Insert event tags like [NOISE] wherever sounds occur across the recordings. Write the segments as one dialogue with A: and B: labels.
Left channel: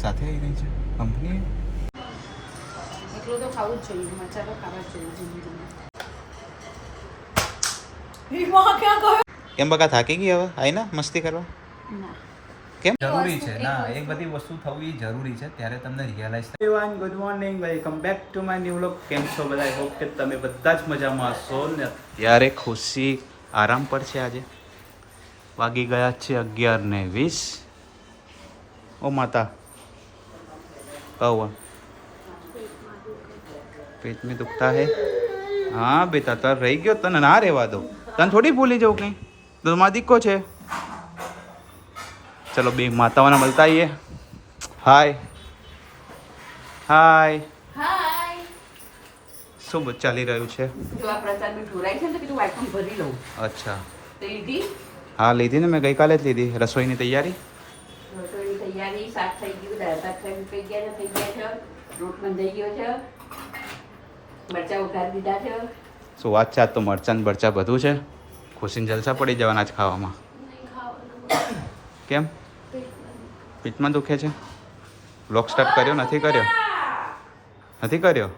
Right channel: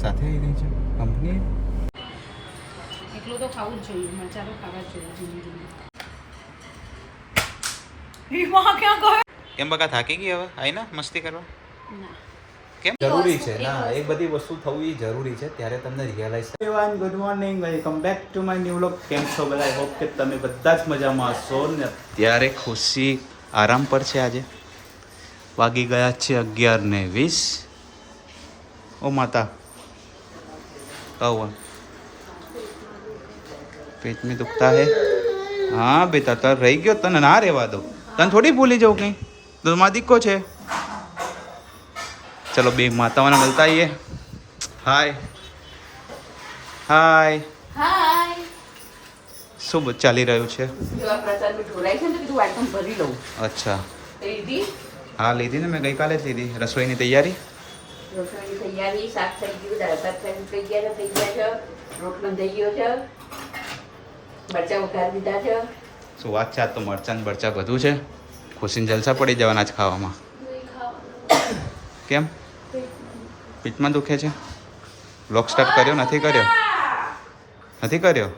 A: સાથે આવી રહી છે કંપની
B: એકલું તો ખાવું જ જોઈએ મરચા તો ખાવા જ જોઈએ જિંદગીમાં.
A: કેમ બકા થાકી ગઈ હવે? આવી ના? મસ્તી કરવા?
B: ના.
A: કેમ? જરૂરી છે ના એ બધી વસ્તુ થવી જરૂરી છે ત્યારે તમને realise A one good morning welcome back to my new vlog કેમ છો બધા? આઈ હોપ કે તમે બધા જ મજામાં હશો ને અત્યારે ખુશી આરામ પર છે આજે. વાગી ગયા છે અગિયાર ને વીસ. ઓ માતા કહું પેટ में દુખતા હે હા બેટા તાર રહી ગયો તને ના રહેવા દો તને થોડી ભૂલી જવું કંઈ તો મારા દીકો છે ચલો બે માતાઓને મળતા આવીએ હાય હાય શું ચાલી રહ્યું છે અચ્છા હા લીધી ને મેં ગઈકાલે જ લીધી રસોઈની તૈયારી
B: તૈયારી શાક થઈ ગયું દાળ ભાત થઈ થઈ ગયા છે થઈ ગયા છે. રોટલો થઈ ગયો છે. મરચાં ઉઘાડી દીધા છે.
A: શું વાત છે? આજ તો મરચાં બરચાં બધું છે. ખુશીને જલસા પડી જવાના જ ખાવામાં. કેમ? પેટમાં દુખે છે? બ્લોક સ્ટાર્ટ કર્યો? નથી કર્યો? નથી કર્યો?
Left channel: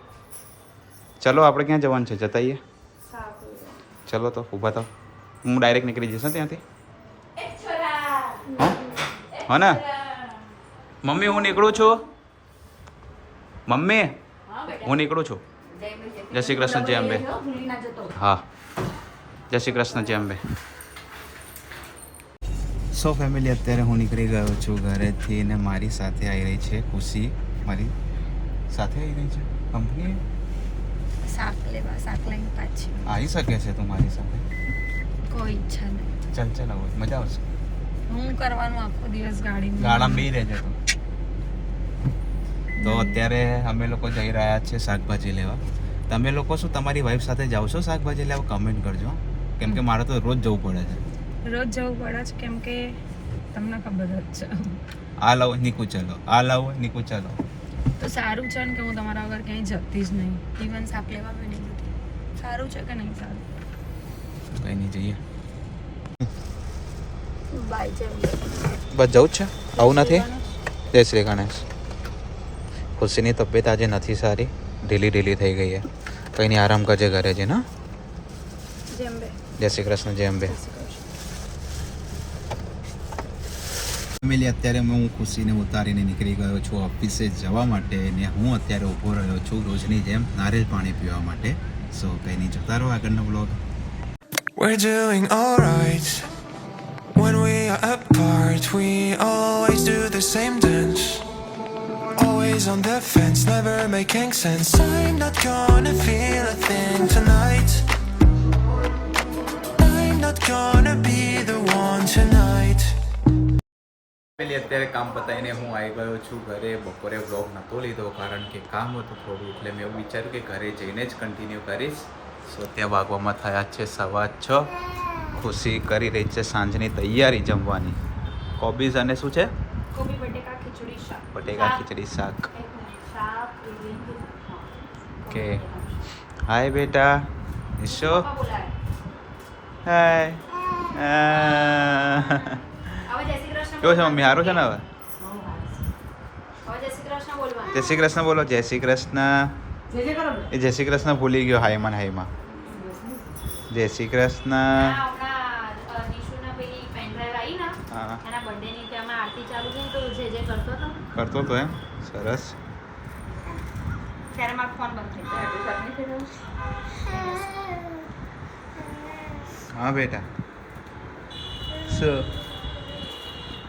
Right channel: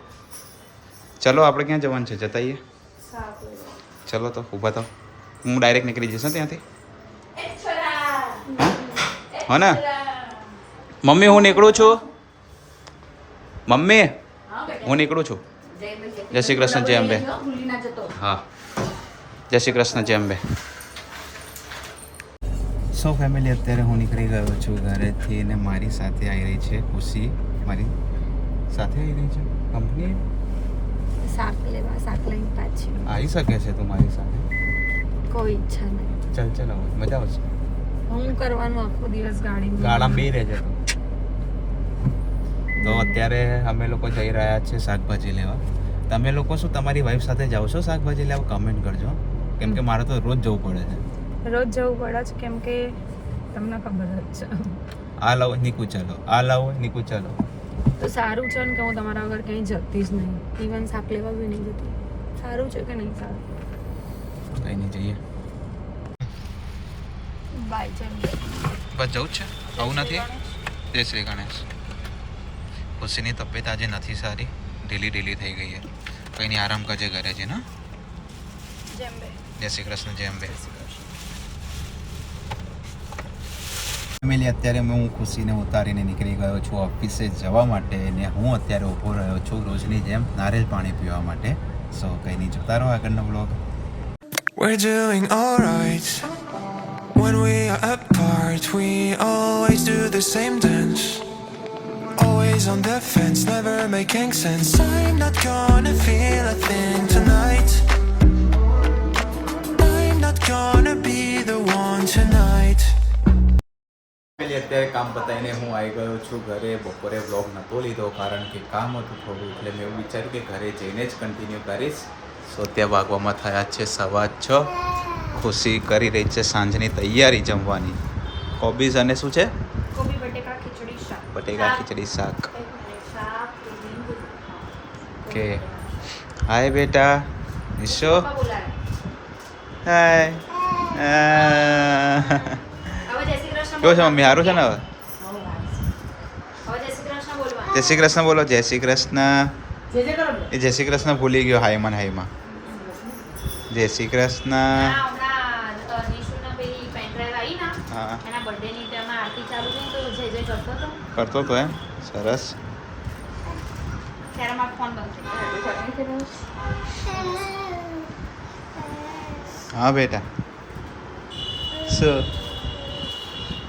A: ચલો આપણે ક્યાં જવાનું છે? જતાઈએ? ચલો તો ઊભા થાવ હું ડાયરેક્ટ નીકળી જઈશ ને ત્યાંથી. હા ને? મમ્મી હું નીકળું છું? મમ્મી
B: હું
A: નીકળું છું.
B: જય
A: શ્રી કૃષ્ણ, જય અંબે.
B: ભૂલી ના જતો
A: હા. જય શ્રી કૃષ્ણ જય અંબે. સો ફેમિલી અત્યારે હું નીકળી ગયો છું ઘરેથી ને મારી સાથે આવી રહી છે ખુશી. મારી સાથે આવી રહી છે? કંપની?
C: શાક લેવા શાક લઈને પાછી.
A: આવી શકે છે તું મારી સાથે?
C: કોઈ ઈચ્છા નહીં
A: ચલ ચલ આવો. મજા આવશે.
C: હું કરવાનું આખો દિવસ ગાડી
A: ગાળામાં બે રહેજે તું અત્યારે અમે લોકો જઈ રહ્યા છીએ શાકભાજી લેવા. તમે લોકો શું તમારી વાઈફ સાથે જાઓ છો શાકભાજી લેવા? કમેન્ટ કરજો. કેમ કે મારે તો રોજ જવું પડે છે.
C: રોજ જવું પડે છે કેમ કે તમને ખબર જ છે.
A: આ લાવો નીકુ ચલો. આ લાવો નીકુ ચલો.
C: તો સારું છે ને કે હું તમારા વગર ક્યાંય જતી જ નહીં. ઇવન શાક લેવા બી નહીં જતી. સારું છે કે નહીં સારું?
A: કઈ નહીં જઈએ. બસ જવું છે? આવું નથી? જય શ્રી ગણેશ. ખુશીની તબિયત આજે નથી સારી. ઢીલી ઢીલી થઈ ગઈ છે. કંઈ નહીં આરામ કરજે ઘરે છે ને જય શ્રી કૃષ્ણ જય અંબે ફેમિલી અત્યારે હું ખુશીને ઉતારીને નીકળી ગયો છું ઓફિસે જવા માટે ને હું અત્યારે ઊભો રહ્યો છું રોજની જેમ નારેલ પાણી પીવા માટે. સો કંઈ નહીં જોતા રહો આગળનો blog
D: We're doing alright. When we are apart, we always do the same dance. Always on the fence, never making sense. I'm not gonna feel a thing tonight. I'm not gonna be the one tonight.
A: પેલી અત્યારે કામ પતાવીને હું આવી ગયો છું ઘરે બપોરે vlog નહોતો લીધો કારણ કે કામ હતું થોડું એટલે મેં એવું વિચાર્યું કે ઘરે જઈને જ કન્ટિન્યુ કરીશ સો ત્યાં વાગવામાં થયા છે સવા છ ખુશી કરી રહી છે સાંજની તૈયારી જમવાની કોબીઝ અને શું છે
C: ખીચડી શાક
A: બટેકા ખીચડી શાક
C: શાક લીંબુ
A: કે હાય બેટા નિશો હાય આ.
C: હવે જય શ્રી કૃષ્ણ
A: કેવું છે મમ્મી સારું છે ને હવે
C: હવે જય શ્રી કૃષ્ણ બોલવા
A: જય શ્રી કૃષ્ણ બોલો જય શ્રી કૃષ્ણ
B: જે જે કરો ને.
A: એ જય શ્રી કૃષ્ણ ભૂલી ગયો હાયમાં ને હાયમાં જય શ્રી કૃષ્ણ
C: હમણાં અ, નિશુના પેલી પેન ડ્રાઈવ આવી ને
A: હા.
C: એના બર્થડે ત્યાં આરતી ચાલુ થઈ તો જે જે કરતો
A: તો એમ. સરસ.
C: ત્યારે મારો ફોન બંધ થઈ ગયો.
B: એટલે સબમિટ કર્યું.
A: હા બેટા. શું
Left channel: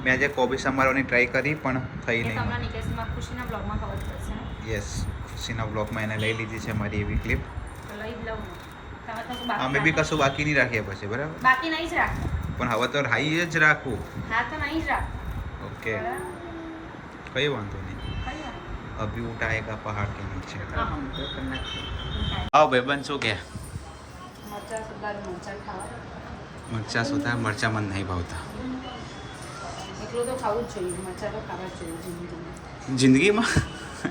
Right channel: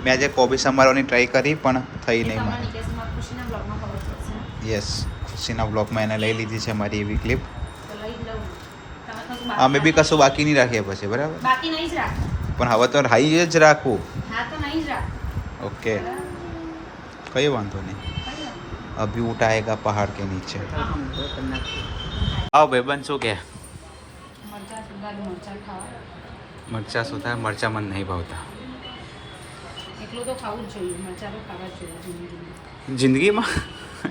A: મેં આજે કોબી સંભાળવાની ટ્રાય કરી પણ થઈ નહીં મને.
C: ખુશીના બ્લોગમાં ખબર પડશે
A: યસ ખુશીના બ્લોગમાં એને લઈ લીધી છે મારી એવી ક્લિપ
C: લઈ લઉં.
A: અમે બી કશું બાકી નહીં રાખીએ પછી બરાબર?
C: બાકી નહીં જ રાખતા
A: પણ હવે તો હાઈ જ રાખવું.
C: હા તો નહીં જ રાખતા
A: ઓકે? કઈ વાંધો નહીં. અભી ઉઠાએગા પહાડ કે નીચે. આવ ભાઈબંધ શું કે?
B: મરચાં સુધારું મરચા
A: સુધા મરચા મને નહીં ભાવતા.
B: એકલું તો ખાવું જ જોઈએ. મરચાં તો ખાવા જ જોઈએ જિંદગીમાં.
A: જિંદગીમાં?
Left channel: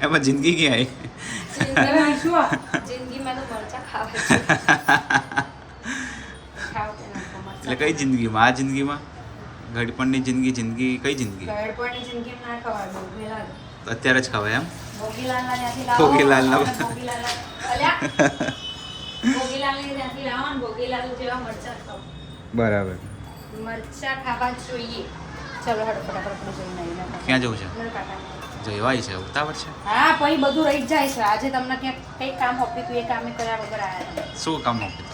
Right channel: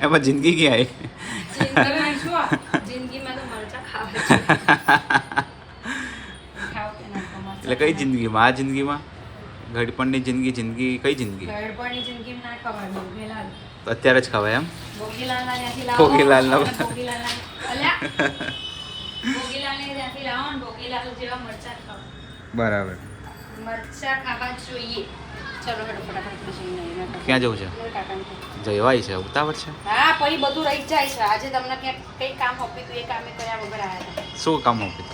A: એમાં જિંદગી ક્યાં આવી?
B: જિંદગીમાં
C: તો મરચા ખાવે [LAUGHS]
B: ખાવ કે ના ખાવ મરચાં
A: એટલે કઈ જિંદગીમાં? આ જિંદગીમાં? ઘડપણની જિંદગી જિંદગી કઈ જિંદગી?
C: ના
A: તો અત્યારે જ ખવાય એમ?
C: ને ભોગીલાલ જેવા
A: બરાબર. ક્યાં જવું છે? જવાય છે ઉતાવળ છે?
C: હા પછી બધું રહી જાય છે. આજે તમને ક્યાંક કઈ કામ આપ્યું હતું એ કામે કર્યા વગર આવ્યા
A: શું કામ આપ્યું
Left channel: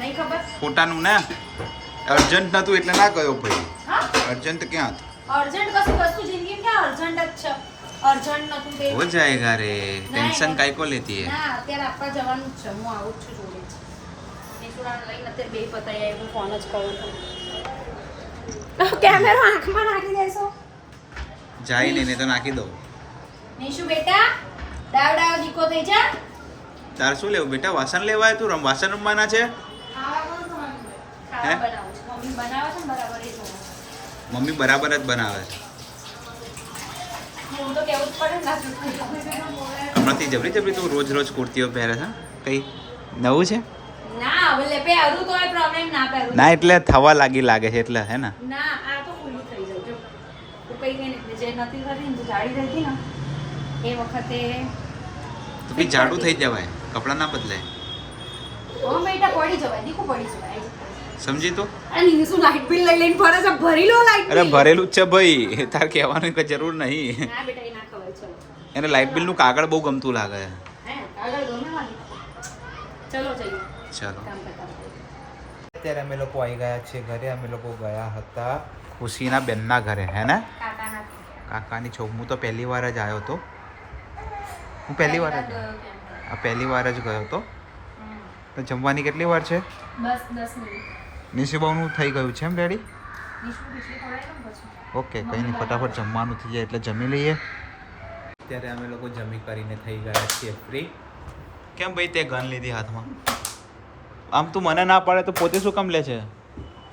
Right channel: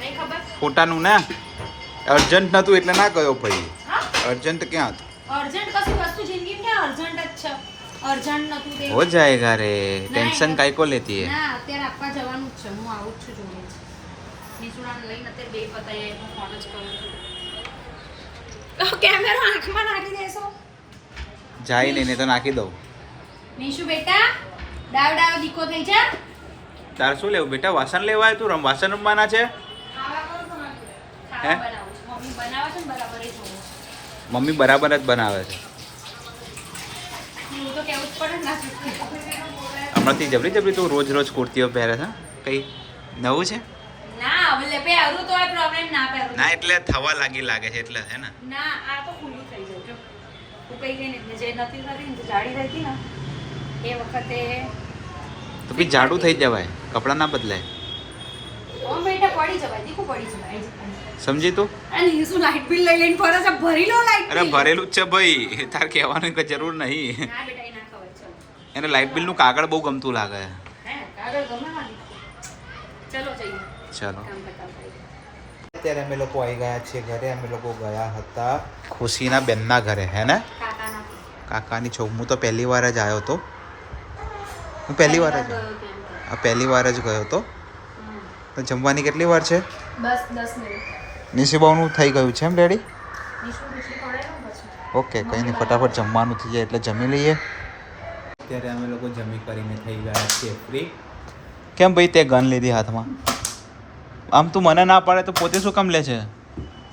C: નહીં ખબર?
A: ફોટાનું ને? અર્જન્ટ નતું એટલે ના ગયો ભાઈ. અર્જન્ટ ક્યાં હતું?
C: અર્જન્ટ કશું વસ્તુ જિંદગી ક્યાં? અર્જન્ટ જ છે. અર્જન્ટ નતું તે.
A: હો જાયેગા રે ટેન્શન. કાઈ કો લેતી હે
C: ના અત્યારે આપવા જવાનું જ છે. હું આવું જ છું જોડે જ. લઈને અત્યારે બે પતાઈ આવી હું ફોન જ કરું છું. કેમેરો આંખમાં નાખી દેશો.
A: જાય નહીં તો નાખી દઉં.
C: નિશુ બેટા ડાવ ડાવ દીકો થઈ જા.
A: તારે શું લેવું? બેટા વાસણ લેવાય તું? રમ વાસણ રમવાના છે? હે?
C: મમ્મી બરાબર
A: જ બનાવે છે. હમણાંથી જબરી જબરી તું રોજ રોજ કુર્તીઓ પહેરે છે કઈ નવું છે?
C: ના
A: એટલે થવા લાગી લાગે છે એટલે હે ને?
C: તો
A: બી જાડું થઈ જવાય કપડાં ના બદલાય
C: પડી જવાય દીકુ પડી જવાય.
A: સમજી તું?
C: અને શું લાઈટ બિલ લઈ લઈને ફરે છે? ભરી લો લાઈટ
A: અરે ભરેલું જ છે ભાઈ. તાર કહેવાની કઈ જરૂર નહીં.
C: ના બેટા એ ના
A: એને કાગળ બહુ ગમતું લાગે.
C: ગમે ચલો જઈએ.
A: ચાલો. અત્યારે અમે લોકો આવી ગયા છીએ ઘરે. અમે લોકો ગયા હતા ખુશીના બેનના ઘરે. હે ને?
C: કાકાની.
A: છોક. હું તો પહેલી વાર જ આવ્યો હતો હું પહેલી વાર જ
C: ગયો
A: આ પહેલી વાર જ ગયો હતો તો જમવાની કેટલી વાર છે?
C: બસ દસ મિનિટ.
A: નિશીબાનું થઈ ગયું છે એમ રેડી ઓકે કંઈ નહીં ફટાફટ જમવાનું થઈ જાય એટલે જમી લઈએ. અત્યારે અમે લોકો જમી કરીને થઈ ગયા છીએ ફ્રી કેમ ભાઈ તે ગન લીધી હાથમાં? આમ તું મને ના પાડે તો પોતે શું કામ લે છે?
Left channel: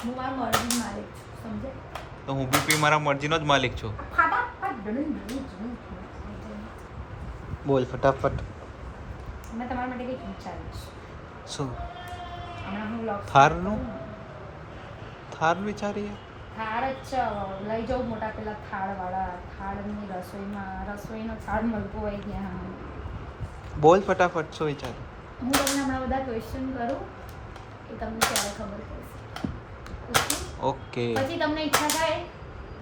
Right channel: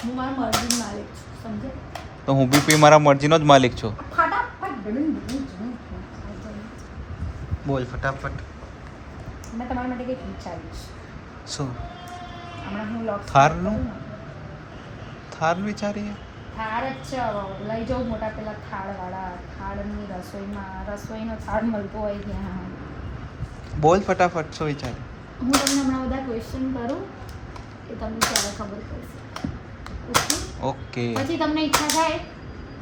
C: હું મારા મરજી માલિક છું સમજે?
A: તો હું બી પી મારા મરજીનો જ માલિક છું. બોલ ફટાફટ.
C: મેં તમારા માટે કંઈક વિચાર્યું
A: શું? થારનું? થાર વિચારીએ?
C: થાળ જ છે લઈ જાઉં મોટા પેલા થાળવાળા. થાળની રસોઈમાં રસોઈનો થાળ મળતો હોય ત્યાં.
A: બોલ ફટાફટ શું વિચારે?
C: હું તમને હમણાં બધા ક્વેશ્ચન કરું એ તમને ત્યારે ખબર પડશે. ઓકે? પછી તમને ઈચ્છા થાય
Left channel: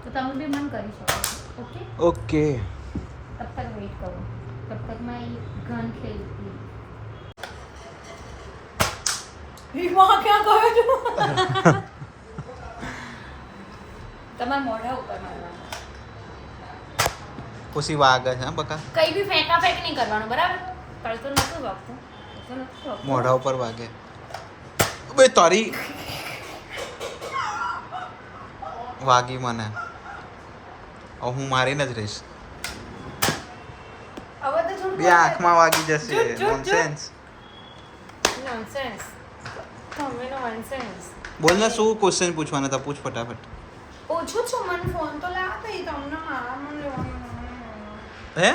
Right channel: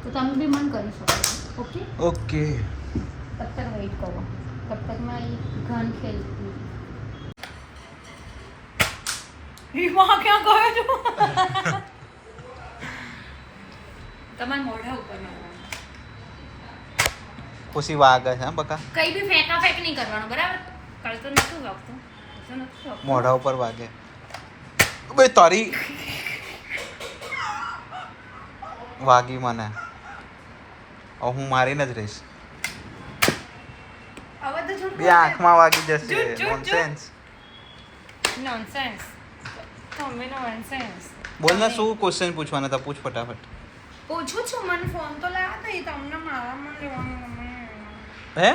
C: તો તમે બી મન કરી શકો ઓકે?
A: ઓકે.
C: તબ તક વેઇટ કરો. તબ તક મેં ઘન ખેલતી. રીમા ક્યાં ગયો છું [LAUGHS] તમારા મોઢા ઉપર મારવાના.
A: ખુશી વાગે છે હા બકા?
C: કઈ બી ફેંકા ફેંક નહીં કરવાનું બરાબર? કાલ તો નતું વાગતું.
A: મોઢા ઉપર વાગે. બે તારી વાગી મને. હું મારીને જ રહીશ. બે આંખમાં વાગી જશે. નોનસેન્સ
C: નોનસેન્સ
A: બોલ ને શું ક્વેશ્ચન પૂછવાના હતા? પૂછ ફટાફટ.
C: પૂછું છું મને ફોન તો લાવો એ તમને [LAUGHS] મારા મને લેવાનું
A: હે?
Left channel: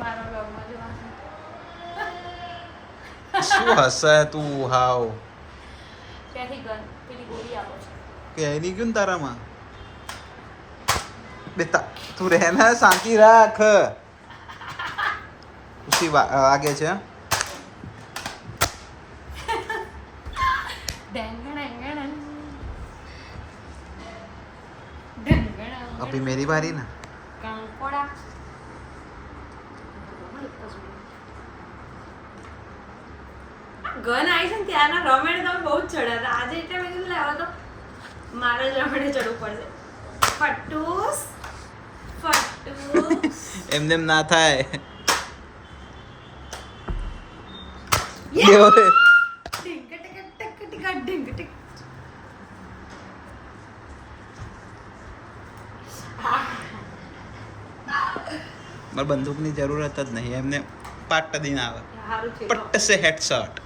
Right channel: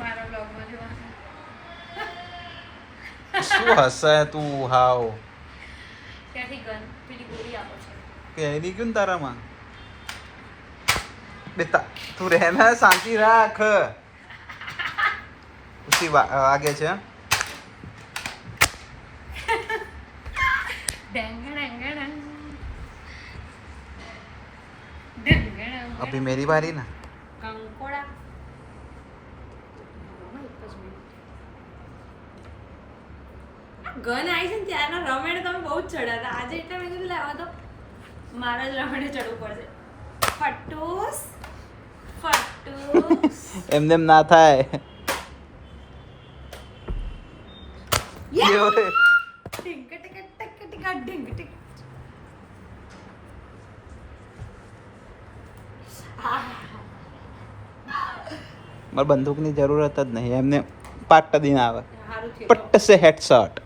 C: મારા બ્લોગમાં જોવાનું
A: શું હશે તું? હાવ.
C: ત્યાંથી ગન પેલી ગોળી આપો છો.
A: કે એની ને તારામાં? બેટા તું રહે ને શાંતિ રાખ. ખુશી વાગે છે. [LAUGHS]
C: ડેંગણ ડેંગણ
A: અભી મેરી બારી ના
C: કંકોડા ગન આવી છે ને ત્યારના રમેણ તમે બહુ જ ચડ્યા હતા આજે એટલે મેં કીધું લાવો તો મારે જ રમેણે ચડવું પડશે ફટુસ ફટુસ
A: એમને એમ ના થાય મારે બંદૂકની જરૂરત જ નહીં એમને પાટ દીન આવે. પટ્ટ સે
C: હેડ છે?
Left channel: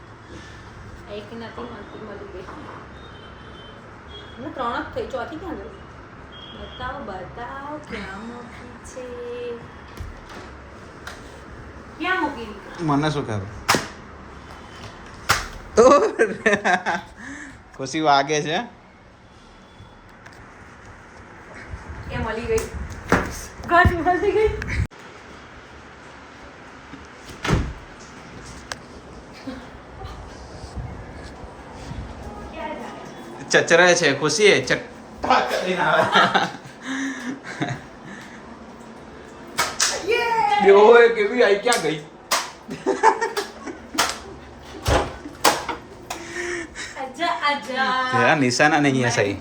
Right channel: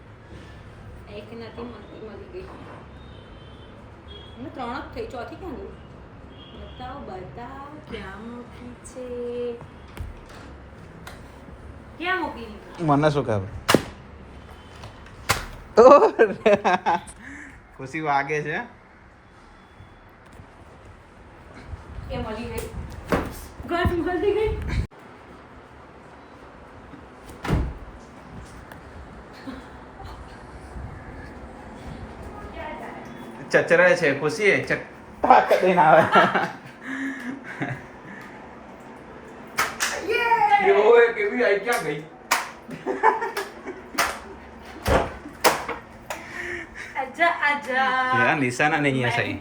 A: મને શું ખબર? ખુશી વાગે છે.
C: મળી ગઈ? ગઈ.
A: ચચરે છે ખુશી એ ચટ્ટા કરીને આવે ઓય કેવી આઈ ક્યાં ગઈ
C: आजा आजा
A: तेरा निशाना नहीं है सही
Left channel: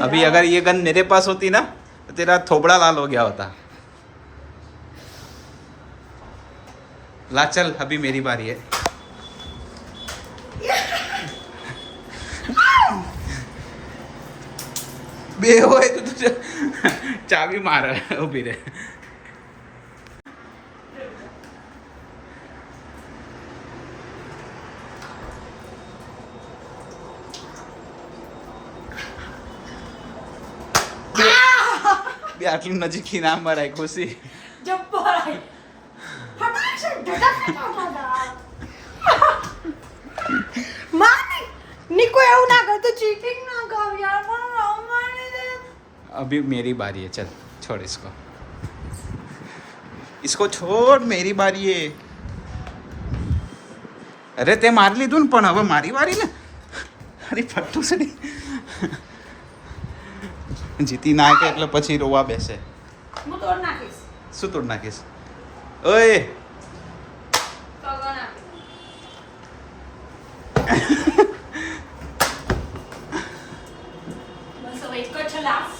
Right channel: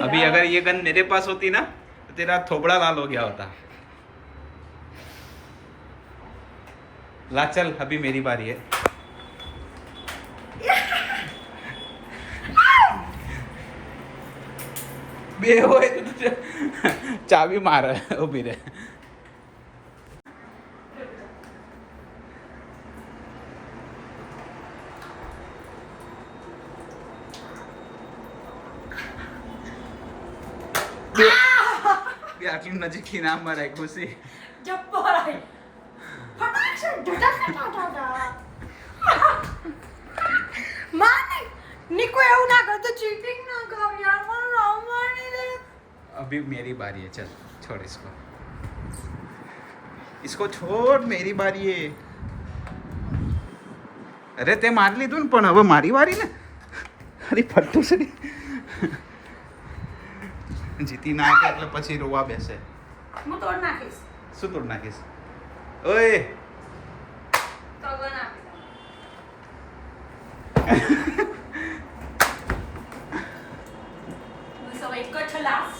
A: अभी अगर ये गन मेरे पास होती ना तो तेरा थोबड़ा लाल हो गया होता ला चल अभी मेरी बारी है બે હોય તો ચાવી મારે ઊભી રે બે આટલું નજીકથી ના મરાય ખુશી.
C: જબ્બર આઈ ફટાક से ધડક ફટાડા માને નિકો એવું ના કરતો ચીટિંગ ના કર યાર મને રમવાની દે
A: अभी मेरी बारी है चल छोड़ इसको इसको छोड़ मेरी बारी है અરે તે મારી લીધું ને પણ હવે મારી વારી ને અરે ફટ્ટું છે જીતી નાખે એટલે પછી રોવા બેસે
C: હું તોડ નાખીશ
A: શું તોડ નાખીશ ઓય
C: તો ગણા બસ હવે એક જ છે લાસ્ટ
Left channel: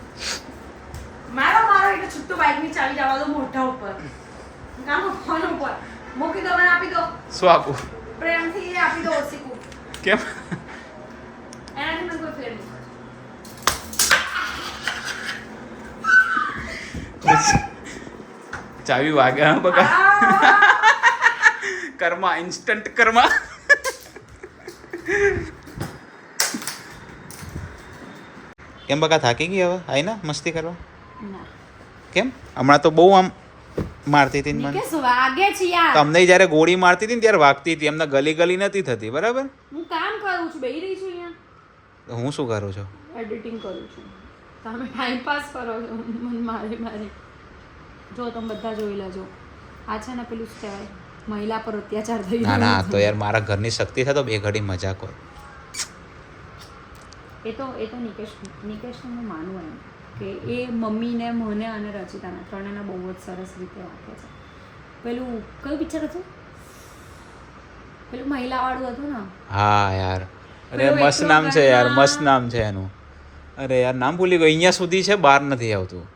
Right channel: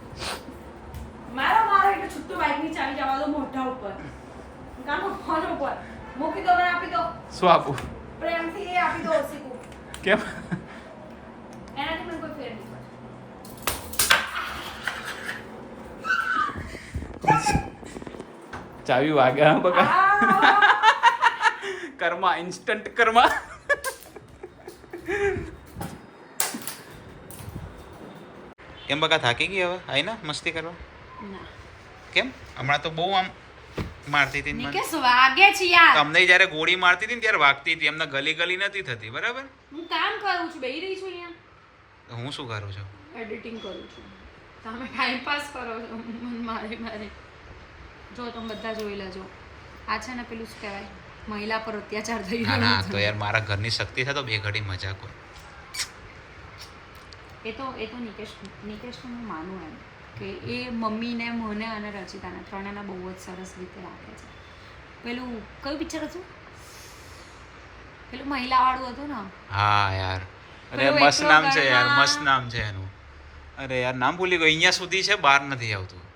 C: મારો મારો એટલે છૂટું બાઈકની ચાવી જવા દો મોઢા ઉપર. કામ ફોન ઉપર. મૂકી દો મને આપી દો.
A: શું આપું?
C: પ્રેમથી એ આપી દો ઓસીકું
A: કેમ?
C: એનાથી મને કોઈ ફેર નહીં
A: ચાવી વાગે હા બકા. Karma instant karma. કેમ બકા થાકી ગઈ હવે? આઈ ના મસ્તી કરવા? કેમ? હમણાં તો બહુ આમ મારતી હતી ને મને.
C: વાગે છે યાર.
A: તમને જ્યારે ગોળી મારતી હતી ને ત્યારે વાગતી હતી. એમને ગલી ગલી નથી થતી બરાબર?
C: હું કામ કરું છું? બેહી રહી છું અહીંયા.
A: હું શું કરું છું?
C: એડિટિંગ કરું છું. તમે ટાઈમ પાસ કરો છો. મન મારે મારે. જો તમે બધા જોઈ લેજો. આ છે ને પેલું શું કહેવાય? મહિલા પર અત્યાચાર થઈ
A: ના ના તો યાર મારા ઘરની શક્તિ થાય તો બે ઘડી મજાક હોય.
C: એ તો એ તો નિકેશ નિકેશને હું માનું એમ. કે એ મમ્મીને મને અને રચિતાને ત્રણેના બહુ જ સરસ રીતે રાખે છે. પેલું કયું પિક્ચર હતું? પેલું મહિલાવાળું હતું ને?
A: હા યાર. અરે મસ્ત નામ છે યાર મસ્ત નામ છે એનું. અરે યાર નામ ભૂલી ગયો. અહીંયા સુધી છે બહાર નથી આવતું.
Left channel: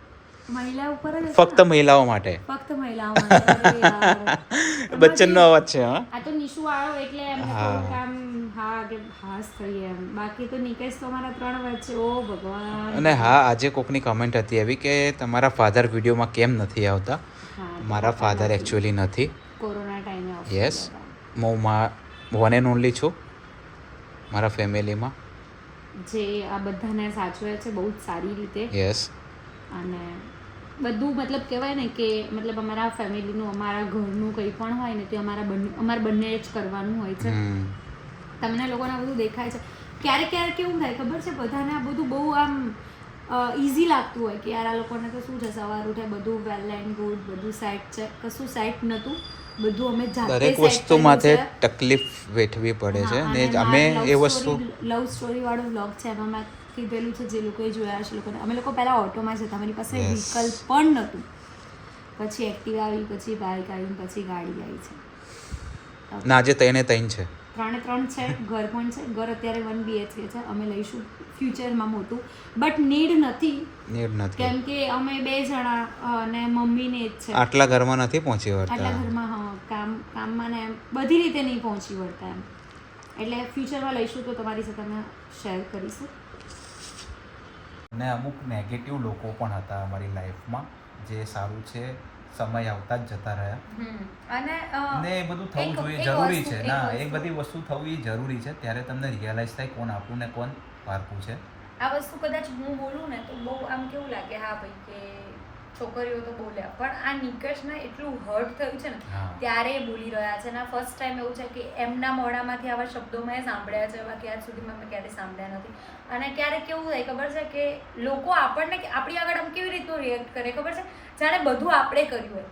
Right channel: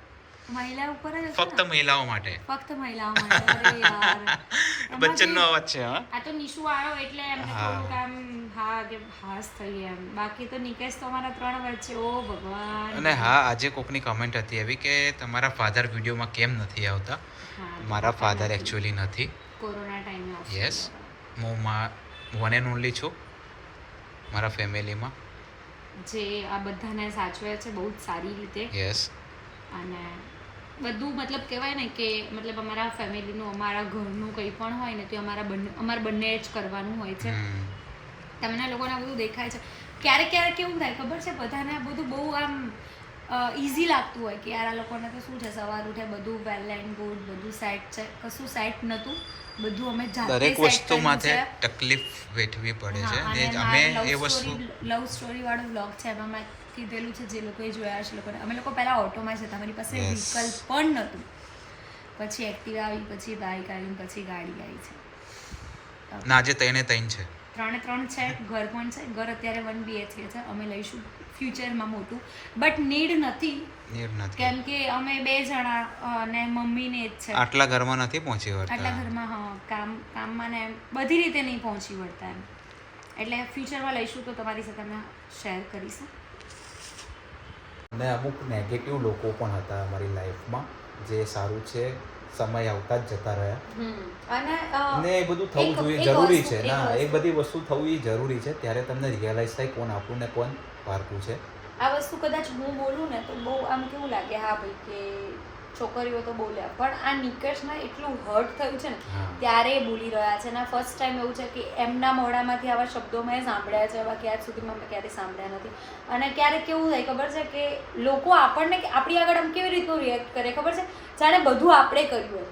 C: મહિલા ઉપર જ
A: ફક્ત મહિલાઓ માટે.
C: ફક્ત મહિલાઓ માટે. [LAUGHS]
A: બચ્ચનનો અવાજ છે હા?
C: આ તો નિશુ આવ્યો એટલે એમને
A: હા.
C: કામ હા કે હાસ થઈ એમ. બાકી તો નિકેશ તો અમારા ત્રણ વચ્ચે. ઓ ભગવાન.
A: અને હા આજે કોકની કમેન્ટ હતી એવી કે તમારા ફાધર વિડીયોમાં કેમ નથી આવતા? મારા ફાધર એકચ્યુઅલી નથી.
C: કોરોના ટાઈમે
A: યસ હું મા વન એન્ડ ઓનલી છું. મારા ફેમિલીમાં.
C: જે આ બધાને સાચવે છે બહુ જ સારી રીતે.
A: યસ
C: અને બધું મતલબ કહેવાય ને કે મતલબ અમારા ફેમિલીનું અમારા ઘરનું કંઈ પણ હોય ને તે અમારા બંને અમારે બંને જ કરવાનું હોય છે. તમને લોકોને આ બધું દેખાય છે. ક્યારેક ક્યારેક કેવું થાય ખબર છે? બધાને આ બધું બહુ આમ ઇઝી લાગતું હોય કે યાર આ લોકોને તો શું છે? સવાર ઉઠે બધું વેલ એન્ડ ગુડ બધું સેટ છે. કશું સેટ નહોતું. બધું અમે જાતે
A: દરેક વસ્તુ માટે તકલીફ વેઠવી પડે છે ને
C: અને
A: અમે એ વસ્તુ
C: લવ સ્ટોરી વાળો વ્લોગ છે એમાં કીધેલું છે જે લોકોએ જોયા છે લોકોને અમે લોકો પહેલાં ઓટોમાં જતા અમારી પાસે. વ્હીકલ પણ નહોતું. પછી એક્ટિવા આવી પછી બાઇક આવી પછી ગાડી આવી છે.
A: ના આજે તઈને તૈન છે.
C: ત્રણે ત્રણ છે ઘર પણ છે? ઘર અત્યારે વન બીએચકે છે અમે લઈશું ફ્યુચરમાં મોટું. બટ નીડ નથી.
A: નીડ નથી.
C: કેમ કે અમે બે જણા અને મમ્મી ને જ છે.
A: આટલા ઘરમાં નથી પહોંચી
C: આટલા ઘરમાં હા કામ કામમાં ને બધી રીતે નહીં પહોંચી વળતા એમ. એટલે ફ્યુચરમાં લઈશું તો તમારી સાથે અમે શેર કરીશું.
A: અને અમુક નેગેટિવ લોકો પણ હતા અમારી લાઈફમાં જે સારું છે સમય આવતા જ જતા રહ્યા.
C: અને
A: ને એ બધું થવું જોઈએ જરૂરી છે. ના એ બધી વસ્તુ થવું એ જરૂરી છે. ત્યારે તમને રિયલાઇઝ થાય કોણ આપણું ને કોણ પારકું છે.
C: આ વસ્તુ કદાચ હું બોલું ને તો બહુ આમ કેવું લાગે હા ભાઈ કે છોકરીઓ તો બોલ્યા પણ આ નિકર્ષને એટલું હર્ટ થયું છે ને ત્યારે એ બોલી રહ્યા છે. અને ફર્સ્ટ ટાઈમ એવું છે કે એમના મોઢામાંથી આવા શબ્દો મેં સાંભળ્યા છે એવા ક્યાં સુધીમાં મેં ક્યારેય સાંભળ્યા નથી. અને ક્યારેક કેવું થાય ખબર છે કે લોકો આપણને આપણી આગળ આમ કેવી રીતનું રિએક્ટ કરે ખબર છે? જાણે બધું આપણે કર્યું હોય.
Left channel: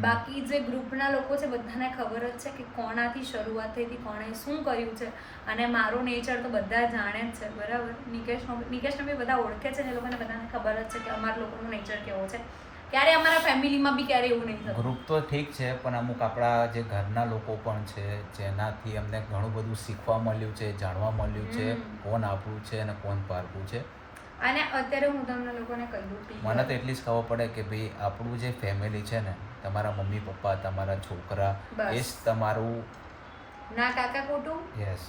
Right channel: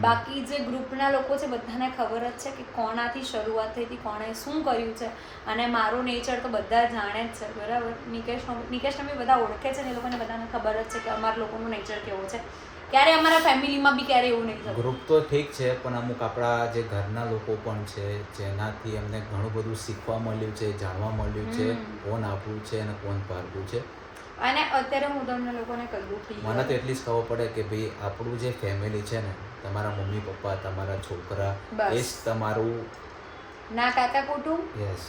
C: બાકી જે ગ્રુપના લોકો છે બધાને ખબર જ છે કે કોણાથી શરૂઆત થઈ હતી કોણે શું કર્યું છે. અને મારો નેચર તો બધા જાણે જ છે બરાબર? નિકેશ નિકેશને બી બધા ઓળખે છે ને એ લોકોને બધાને ખબર જ છે કે અમારા લોકોનું નેચર કેવો છે. ક્યારે અમારા ફેમિલીમાં બી ક્યારે એવું નહીં થતું?
A: ગ્રુપ તો ઠીક છે પણ અમુક આપણા જે ઘરના લોકો પણ છે જેનાથી અમને ઘણું બધું શીખવા મળ્યું છે જાણવા મળ્યું છે. કોણ આપણું છે અને કોણ પારવું છે.
C: અને અત્યારે હું તમને લોકોને કહું
A: મને તો એટલી જ ખબર પડે કે ભાઈ આપણું જે ફેમિલી છે ને તમારા મમ્મી પપ્પા તમારા છોકરા. એ જ તમારું
C: ના કાકા કુટુંબ
A: યસ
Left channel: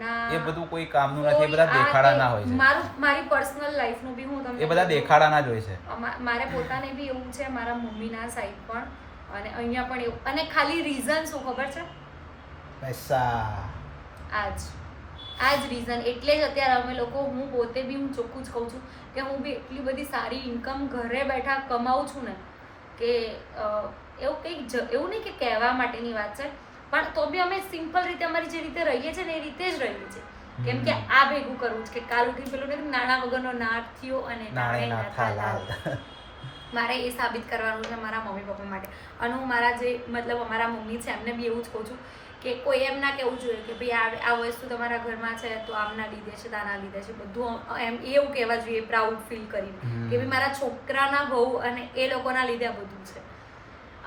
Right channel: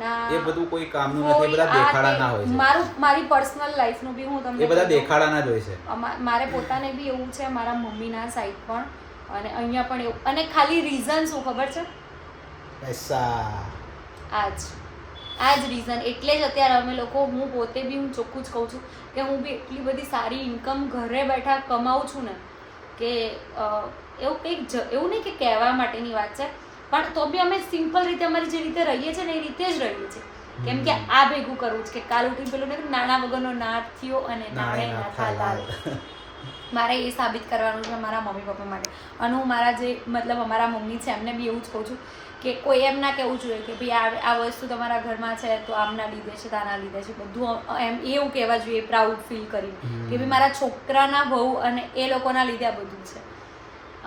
C: ના
A: એ બધું કોઈ કામનું નથી એ બધા દેખાડાના હોય છે.
C: મારું મારી પર્સનલ લાઈફનું બી હું તમને
A: એ બધા. દેખાડાના જ હોય છે.
C: મારે પોતાને બી એવું છે મારા મમ્મીના સાઈડ પણ. અને અહીંયા પણ એવું. અને ખાલી રીઝન શું ખબર છે?
A: પૈસા.
C: આજ. આ જ રીઝન એટલે જ અત્યારે અમે લોકો હું પોતે બી હું ચોખ્ખું જ કહું છું કે હું બી એટલી બધી સારી ઇન્કમ ઘરે બેઠા કમાઉં છું ને કે એવું કંઈક એવું નહીં કે કહેવા માટેની વાત છે પણ તો બી અમે સિમ્પલ રીતે અમારી જે રીતે રહીએ છીએ ને એ રીતે જ રહીએ છીએ. કેમ કે આ ભેગું કરવું છે કે કાલ ઉઠી પેલું ને નાણા વગરનો નાથ થયો અને. મારે એ સાબિત કરવાનું છે મારા મમ્મી પપ્પા માટે. અને હું મારા જે મતલબ અમારા મમ્મી છે એમને બી એવું જ કહું છું કે કોઈ એમ ના કહેવું જોઈએ કે ભાઈ આ આ વસ્તુ તમારા ઘરમાં છે તો આમના લીધે છે તાના લીધે છે બધું એમ એવું કહેવા જોઈએ પ્રાઉડ ફીલ કરીને. કે ભાઈ મારા છોકરાના બહુ અને એ લોકોના લીધે આ બધું છે.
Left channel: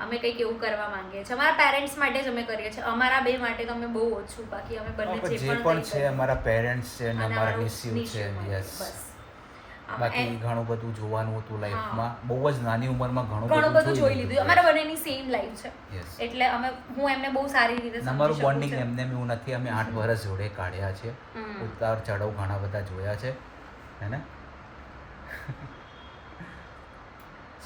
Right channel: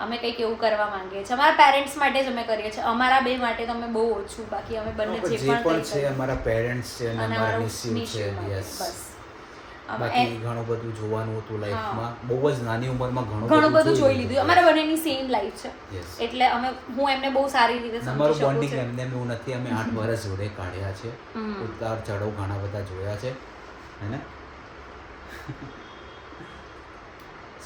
C: અમે કંઈક એવું કરવા માંગીએ છીએ. અમારા પેરેન્ટ્સ માટે જ અમે કરીએ છીએ. અમારા બે માટે તો અમે બહુ ઓછું. બાકી અમે બંને
A: જે પણ છે અમારા પેરેન્ટ્સ છે અને અમારા નિસ્યુ છે યસ બાકી ઘણું બધું જોવાનું હતું લાઈફમાં બહુ જ નાની ઉંમરમાં ઘણું
C: ઘણું બધું જોઈ લીધું. અમારા બંનેની સેમ લાઈફ છે. એટલે અમે હું એમને બહુ સારી રીતે
A: અમારું બોન્ડિંગ એમને એમ એવું નથી. અમે આઠ વર્ષ જોડે કાઢ્યા છે. ઉતાર ચઢાવ ઘણા બધા જોયા છે. હે ને?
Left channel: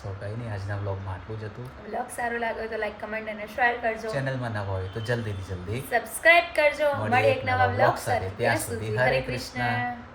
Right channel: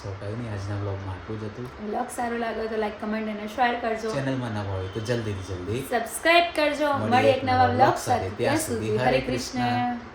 A: સો કંઈ નહીં આજના બ્લોગમાં આટલું જ હતું.
C: બ્લોગ સારો લાગ્યો તો લાઈક કમેન્ટ અને શેર કરજો.
A: ચેનલમાં નવા હોય તો જલ્દીથી જલ્દી
C: સબસ્ક્રાઇબ કરજો.
A: મળીએ એક નવા
C: બ્લોગ
A: સાથે. ત્યાં સુધી હરે.
C: કૃષ્ણ.